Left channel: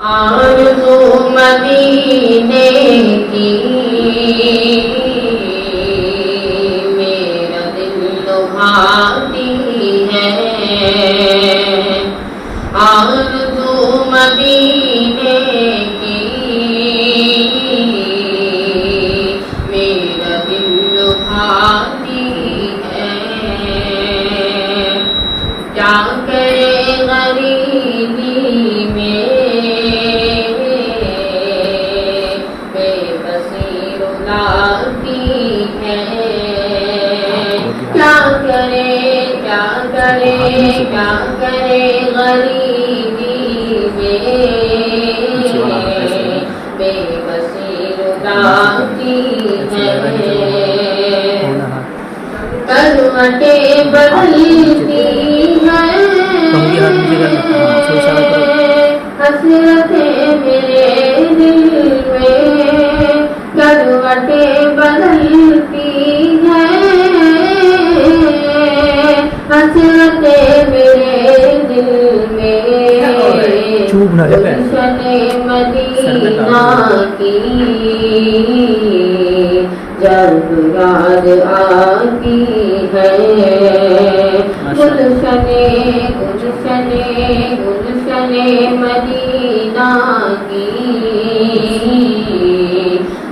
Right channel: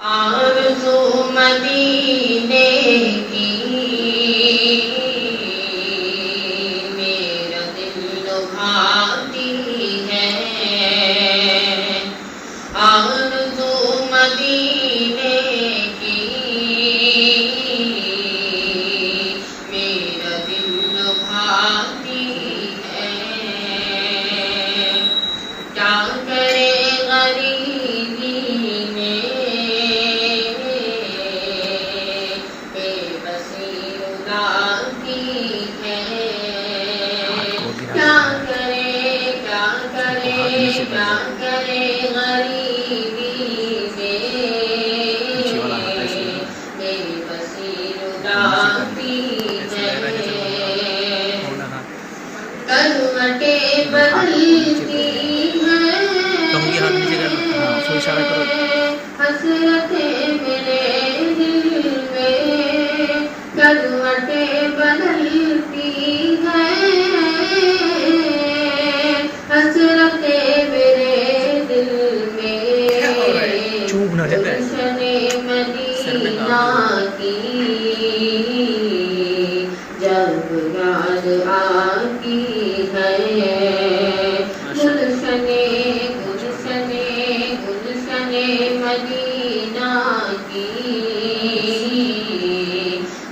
آرزو مدینے کی میرا دل لبھاتی ہے، آرزو مدینے کی میرا دل لبھاتی ہے، کیا کرے غریبی میں کیا کرے غریبی میں بے بسی رلاتی ہے، کروٹیں بدلتی ہیں، حسرتیں میرے دل میں کروٹیں بدلتی ہیں، حسرتیں میرے دل میں گلشن مدینہ کی جب یاد آتی ہے، گلشن مدینہ کی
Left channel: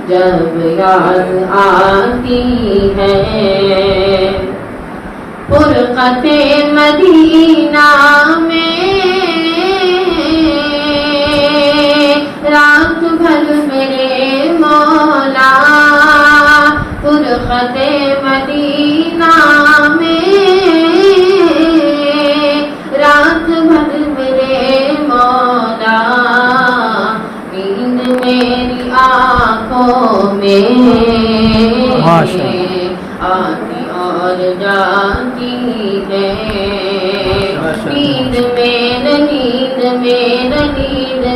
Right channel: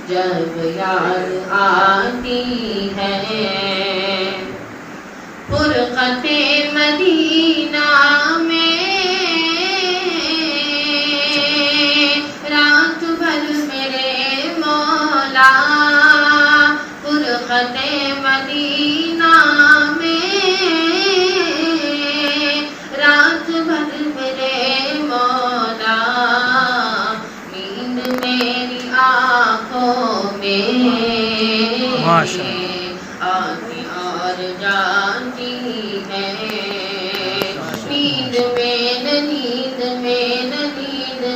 جب یاد آتی ہے، فرقت مدینہ میں رات بھر میرے مولا، فرقت مدینہ میں رات بھر میرے مولا، نیند میری آنکھوں میں آتی اور جاتی ہے، نیند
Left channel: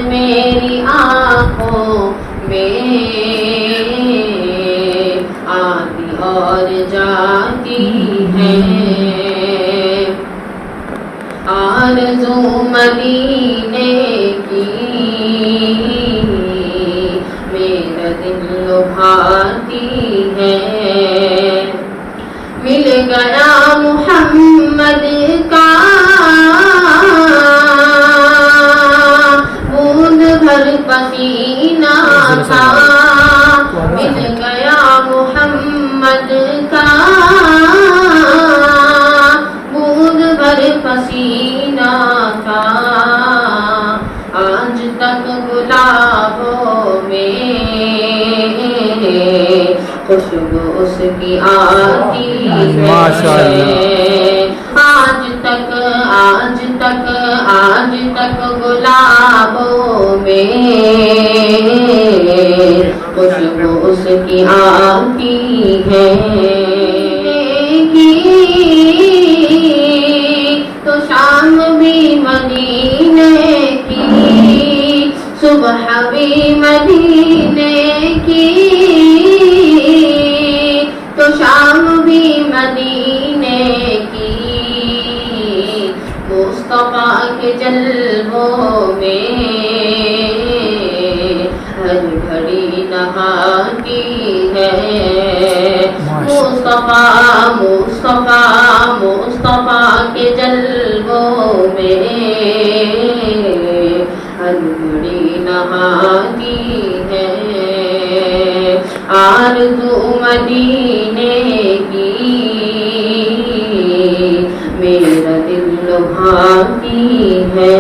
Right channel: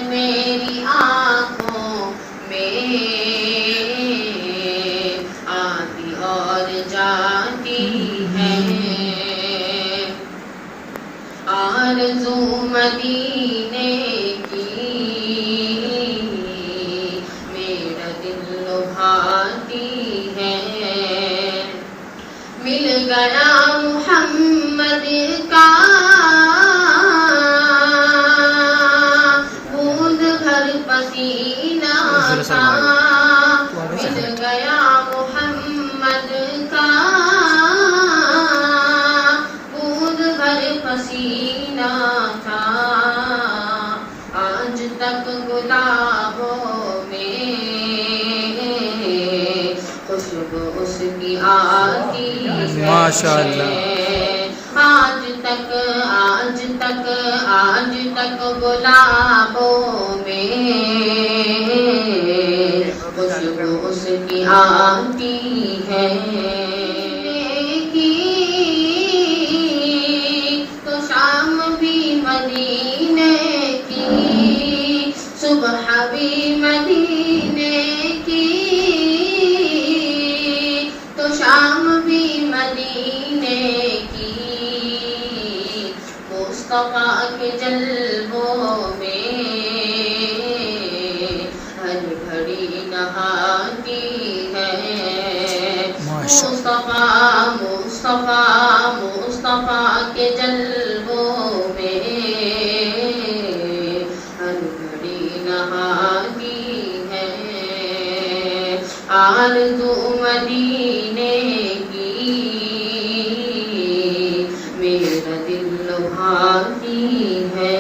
میری آنکھوں میں آتی اور جاتی ہے، آرزو مدینے کی میرا دل لبھاتی ہے، مل گیا محمد کا بوند بھر پسینہ تھا، مل گیا محمد کا بوند بھر پسینہ تھا، آج تک گلابوں میں خوشبو اس کی آتی ہے، آج تک گلابوں میں خوشبو اس کی آتی ہے، تو شام بھی مدینے کی، صبح بھی مدینے کی، تو شام بھی مدینے کی، مصطفیٰ کے جلووں میں ہر گھڑی نہاتی ہے، مصطفیٰ کے جلووں میں ہر گھڑی نہاتی ہے، آرزو مدینے کی میرا دل لبھاتی ہے۔